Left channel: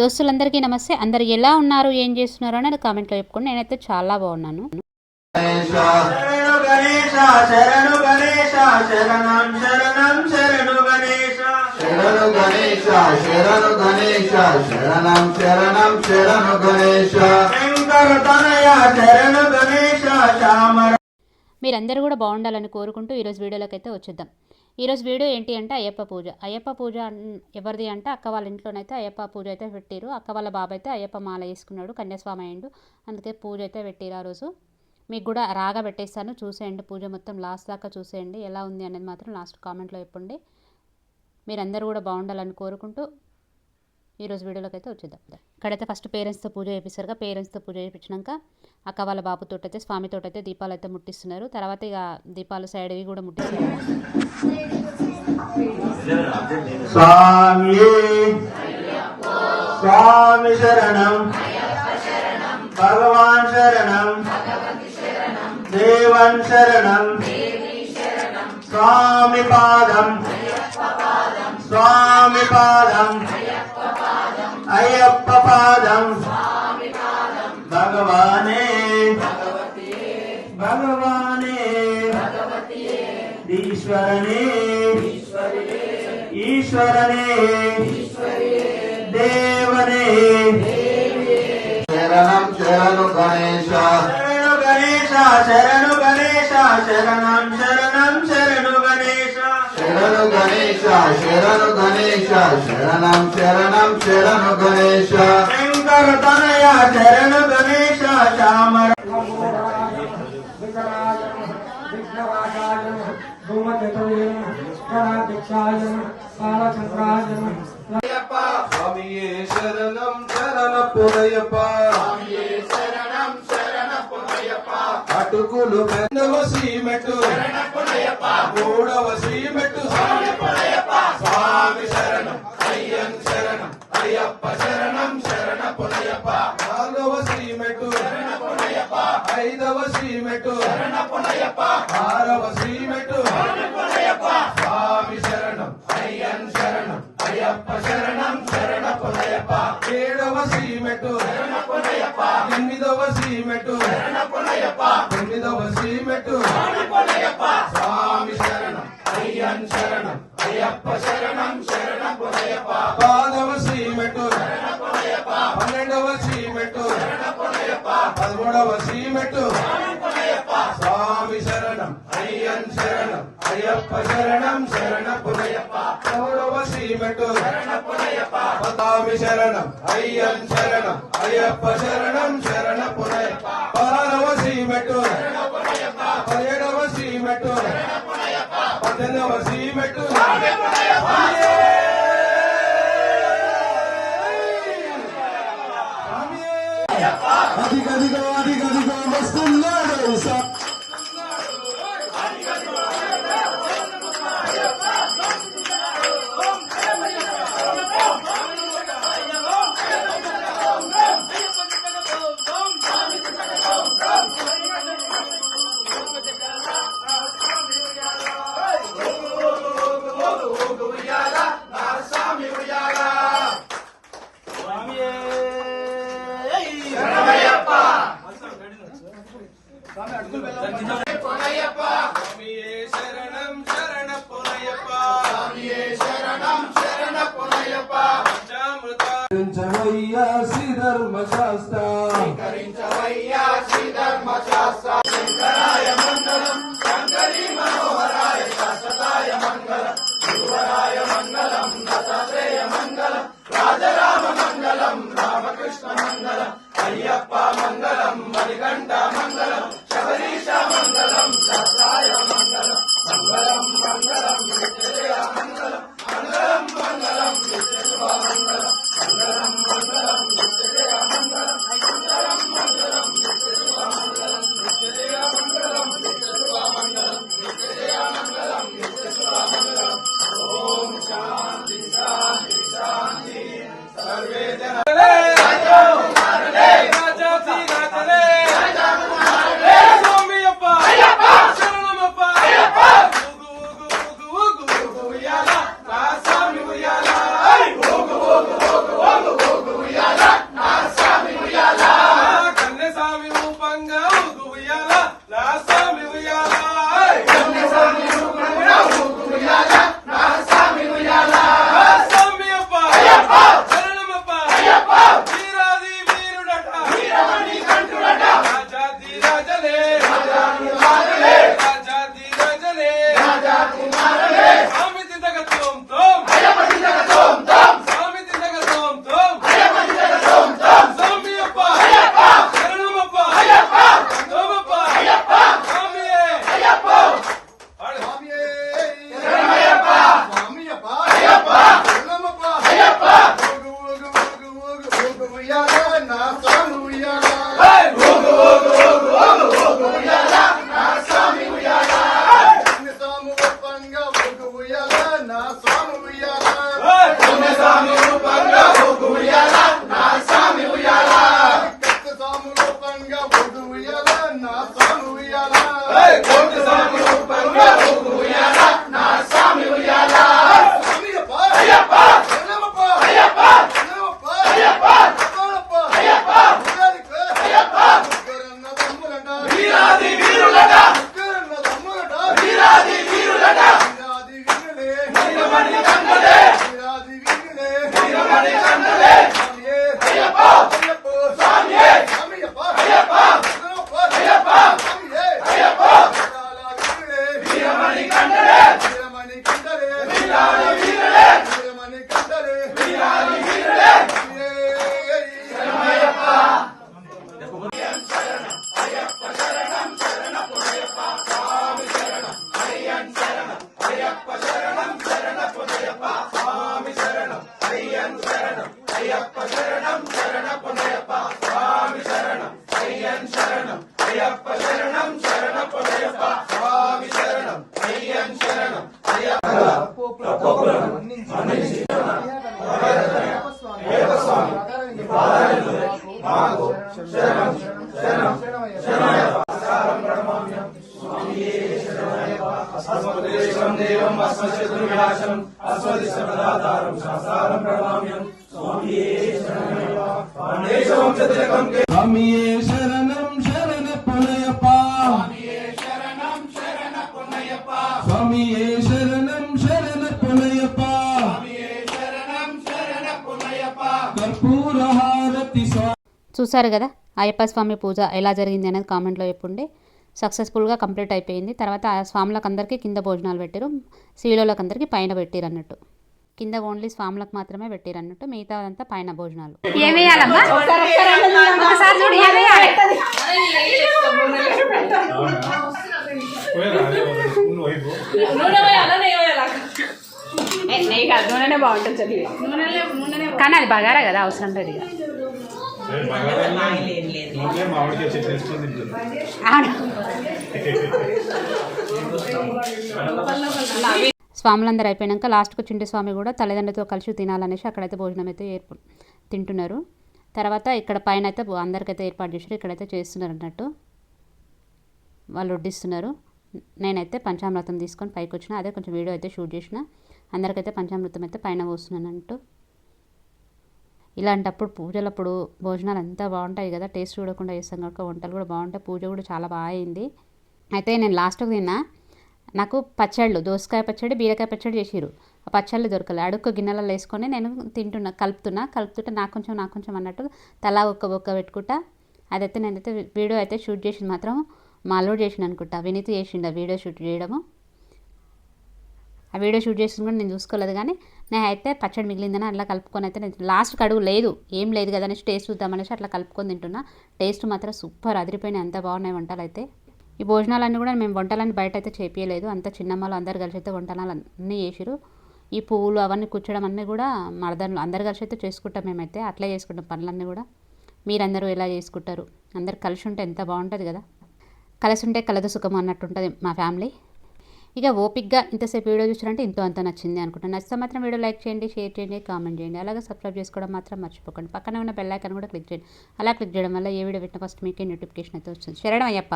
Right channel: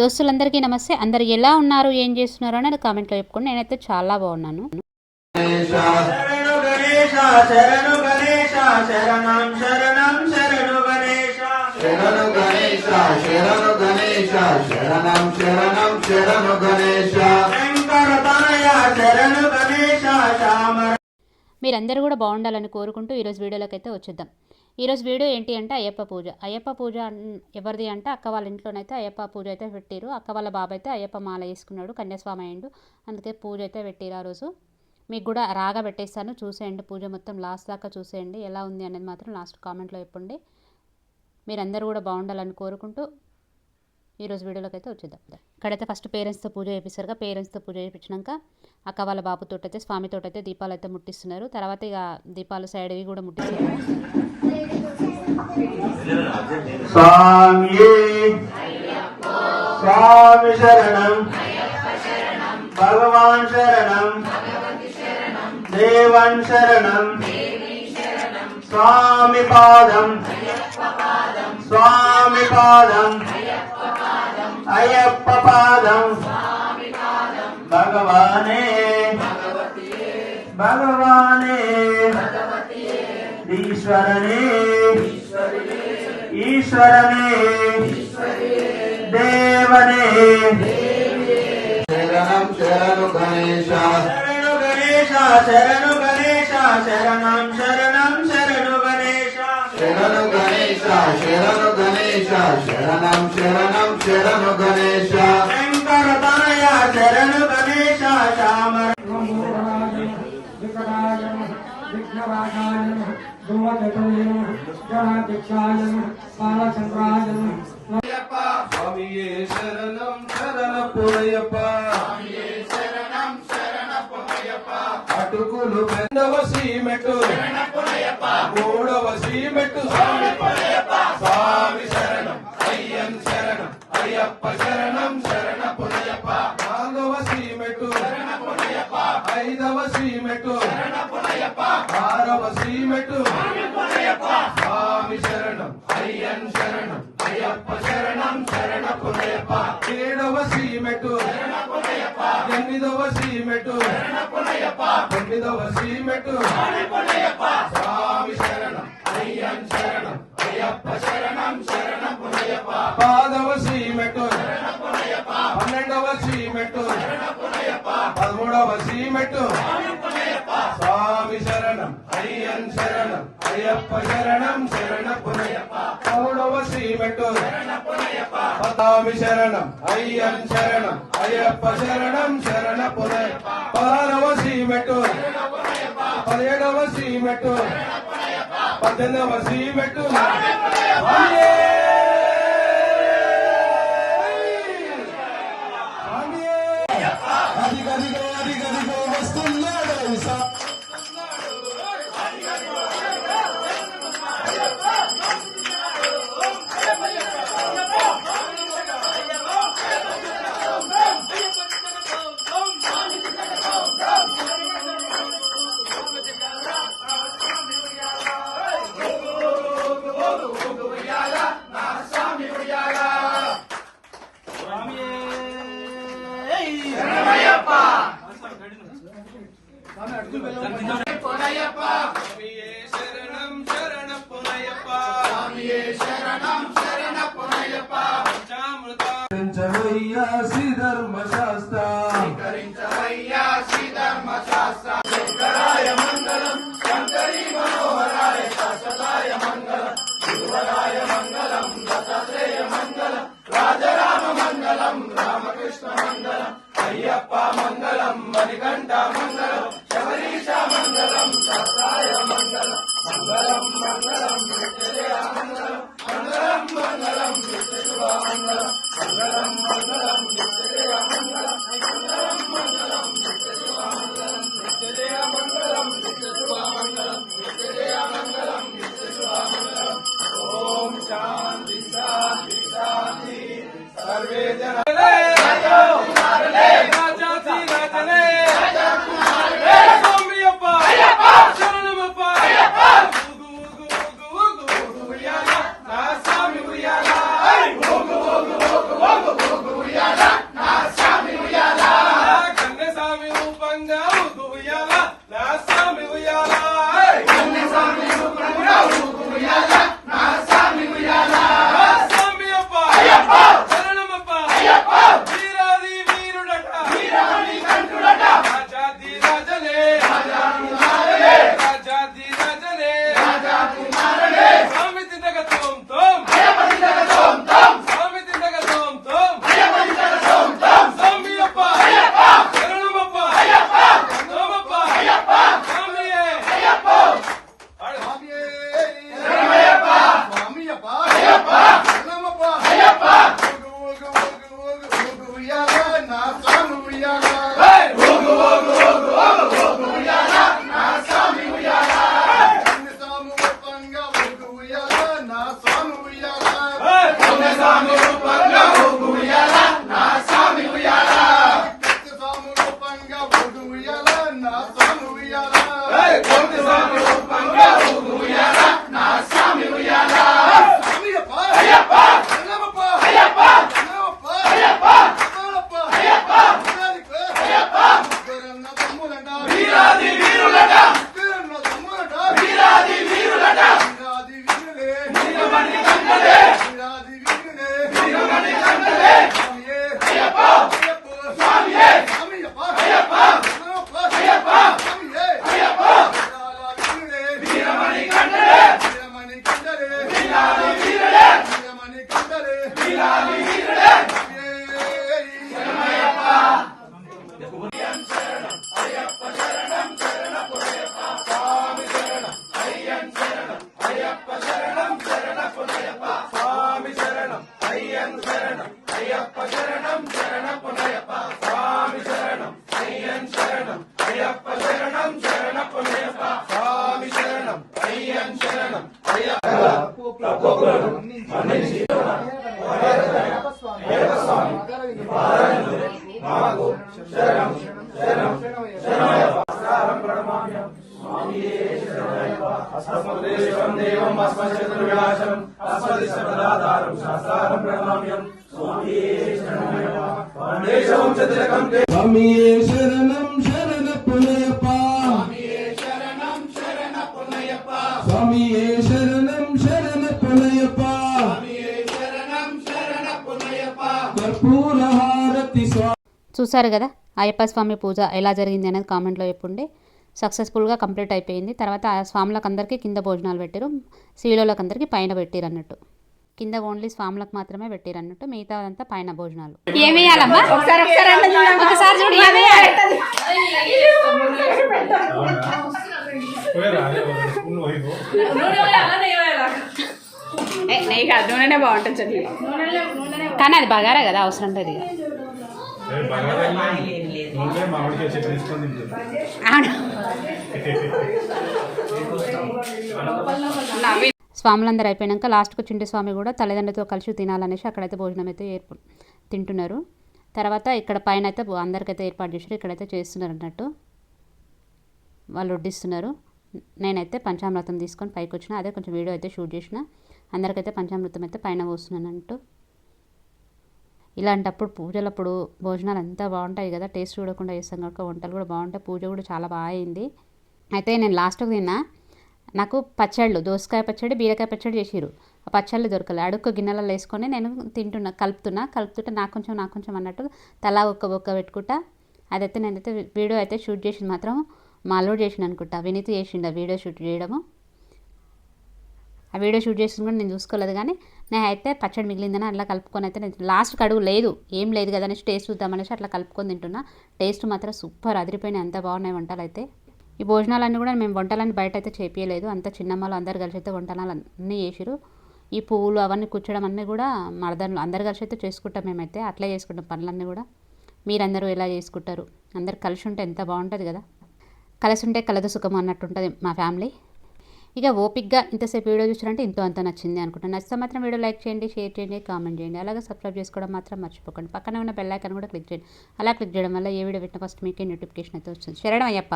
దోస్తులందరికీ నమస్తే. అందరు ఎలా ఉన్నారు? ఏం చేస్తున్నారు? అనేది కామెంట్లో చెప్పుకోండి. నేనైతే చాలా బాగున్నాను. మీరందరూ కూడా బాగుండాలని కోరుకుంటూ ఈరోజు వీడియోలోకి అయితే వచ్చేద్దాం. ఈరోజు వీడియో ఏంటి అంటే అయ్యప్ప పూజ. అయ్యప్ప పూజ ఎవరిది అంటే అక్క వాళ్ళ ఇంట్లోనైతే అయ్యప్ప పూజ అయితే పెట్టారు. అక్క వాళ్ళ బాబు అయితే అయ్యప్ప మాల వేసుకున్నాడు కన్యాస్వామి అయ్యిండు. అందుకే పూజ అయితే పెట్టారు ఆ రోజు. మీకు కూడా రాగా పెట్టేస్తాను. చూసేయండి పూజ మొత్తం లాస్ట్ దాకా చూసేయండి. ఎలా ఉంది అనేది మాత్రం లాస్ట్ కామెంట్లో చెప్పండి. మీరందరూ కూడా బాగుండాలని కోరుకుంటూ ఈరోజు వీడియోలోకి అయితే వచ్చేద్దాం. ఇక్కడైతే ఫస్ట్ పేరెంట్స్తో పూజ చేపిస్తారుగా. పేరెంట్స్తో పూజ చేయించినాక అక్క వాళ్ళ బాబుతో అయితే స్వామితో అయితే దీపాలు అయితే ముట్టిస్తున్నారు. తర్వాత ఇక దీపాలు సైడ్వి కూడా ముట్టిస్తున్నారు. స్వామి శరణం భగవాన్ శరణం దేవన్ శరణం స్వామి పాదం పాదం. అయ్యప్ప పాదం. భగవానే. భగవానే. ఈశ్వరనే. ఈశ్వరనే. దేవనే. శరణం శరణు గణేశ. శరణు గణేశ శరణు గణేశ శరణం శరణం. శరణు గణేశ శరణు గణేశ శరణం శరణం శరణు గణేశ. శంకర తనయ శరణు గణేశ గణాధ్యక్షాయ బాలచంద్రాయ స్వామియే శరణం శరణ పురయప్ప అటుకులు రెండవ సీమెట్టు. మూడవ సీమెట్టు. స్వామి శరణం అయ్యన్ శరణం అయ్యప్ప శరణం శరణ పురయప్ప నాలుగవ సీమెట్టు. ఐదవ సీమెట్టు. ఆరవ సీమెట్టు. స్వామి శరణం అయ్యన్ శరణం అయ్యప్ప శరణం శరణ పునయప్ప ఏడవ సీమెట్టు. ఎనిమిదవ సీమెట్టు తొమ్మిదవ సీమెట్టు స్వామి శరణం. అయ్యన్ శరణం. అయ్యప్ప శరణం. శరణ పునయప్ప పాదవ సీమెట్టు పన్నెండవ సీమెట్టు పదమూడవ సీమెట్టు స్వామి శరణం. అయ్యన్ శరణం. అయ్యప్ప శరణం. శరణ పునయప్ప పౌడవ సీమెట్టు స్వామి శరణం. అయ్యన్ శరణం. అయ్యప్ప శరణం. పదహారవ సీమెట్టు. పదిహేడవ సీమెట్టు. పద్దెనిమిదవ సీమెట్టు. కరించవయ్యా శ్రీ ధర్మశాస్త్ర. కరించవయ్యా శంకరాయ మంగళం శంకరి మనోహరాయ శాశ్వతాయ మంగళం మంగళం దత్తాత్రేయ మంగళం రాజరామ మంగళం రామకృష్ణ మంగళం అయ్యప్ప మంగళం మణికంఠ స్వామియే శరణం శరణ పునయప్ప స్వామియే శరణం శరణ పునయప్ప స్వా చూసారు కదా అయ్యప్ప స్వామి పూజ ఎలా జరిగింది అనేది కామెంట్లో చెప్పుండే. సక్సెస్ఫుల్గా కంప్లీట్ అయిపోయింది. తర్వాత ఆ స్వాములకు అందరికీ కింద భోజనాలు పెట్టారు. శ్రీలోలకు అందరికీ పైన పెట్టారు అన్నట్టు కింద ఓన్లీ స్వాములకు మాత్రమే పెట్టారు అన్నట్టు మిగతా అంతా పైన భోజనాలు కానీ అది బగారా కదా అవసరం లేదు ఇక. స్వాములందరూ అయిపోయాక లాస్ట్కు చింటి స్వామి కూడా తల్లిదండ్రులతో కలిసి తినాలనేసి అక్కడైతే భోజనం అయితే ఏర్ప తింటున్నారు. తర్వాత ఇక్కడ పైన అయితే అందరికైతే ఏర్పాటు చేశారు ఇక్కడైతే చేస్తున్నారు అన్నట్టు. వాళ్ళు వడ్డిస్తున్నారు. నేనైతే పంచామృతం తీసుకొని పైకి వచ్చిన అదే కొంచెం వీడియో అయితే షూట్ చేసిన. అందరికైతే పంచామృతం అయితే పైన పోస్తున్నాను అన్నట్టు. ఇలాంటప్పుడు పూజలప్పుడు భోజనాలు ఎంత బాగుంటాయి కదా టేస్ట్ చూడకుండా చేస్తాం కనుక వంటలు కూడా బాగుంటాయి. పూజ కూడా చాలా బాగా అయింది. అయితే నేను లాస్ట్కి తిన్నా నాకు పచ్చళ్ళు దోసకాయ పచ్చడి బీరకాయ పచ్చడి చేసిరు ఆ పచ్చళ్ళు దొరకలే. అడుక్క గిన్నెలలో వేసుకొని నేను తింటున్నా కలుపుతున్నా. కలుపుతుంటే నాకు కొంచెం నాకు కొంచెం అన్నట్టు తలా ఒక్క బొక్క పెట్టుకుంటా. అదైతే నేనైతే వీడియో అయితే షూట్ చేసింది మాత్రం మా అల్లుడు చేసిండు అనుకుంటా. వినీత్ చేసిండు ఆ వీడియో షూట్ చేయడము. ఆ వీడియో షూట్ చేసింది కూడా నేను చూసుకోలేదు కానీ నేను అయితే పచ్చడి మిగిలిందని అట్లా కలుపుకొని అయితే నేను లాస్ట్ కడుగు లేదు. ఏం లేదు కదా అనేసి టేస్ట్ చూద్దామనేసి అట్లా కలుపుకొని తింటున్నా. టేస్ట్ మాత్రం సూపర్ అదిరిపోయినాయి అంత బాగున్నాయి వంటలు అయితే. ఈ భోజనాలన్నీ కూడా మేము వంటలన్నీ బయట అయితే చేపియలేదు. అంత చిన్నమ్మలు అందరు కలిసి అయితే వంటలు అన్నీ చేసిరు ఈ పువ్వులు అవన్నీ కూర్చోడం అన్నీ కూడా మరదలు అందరు కలిసి అయితే చేసుకుంటాం మేమైతే. అట్లే చేసుకుంటాం పనులన్నీ కూడా. మీరందరూ ఎలా చేసుకుంటారు? అందరు కలిసి ఉంటే ఎంత బాగుంటుంది కదా? కలిసి ఉంటే కలదు సుఖం అన్నట్టు ఉంటుంది మా ఫ్యామిలీ ఇక ఓపిక్గా ఇంతసేపు వీడియో చూసారంటే ఇంతో అంత నచ్చింది అనుకుంటాను నచ్చితే మాత్రం వీడియో లైక్ చేయండి షేర్ చేయండి కామెంట్ చేయండి. అలాగే సబ్స్క్రైబ్ చేసుకోవడం మాత్రం మర్చిపోకండి. పక్కన ఉన్న బెల్ ఐకాన్ కూడా క్లిక్ చేయండి. అలా క్లిక్ చేయడం వల్ల ఏ వీడియో పెట్టిన ఫస్ట్ మీకే నోటిఫికేషన్ అయితే వస్తుంది. శరణం అయ్యప్ప.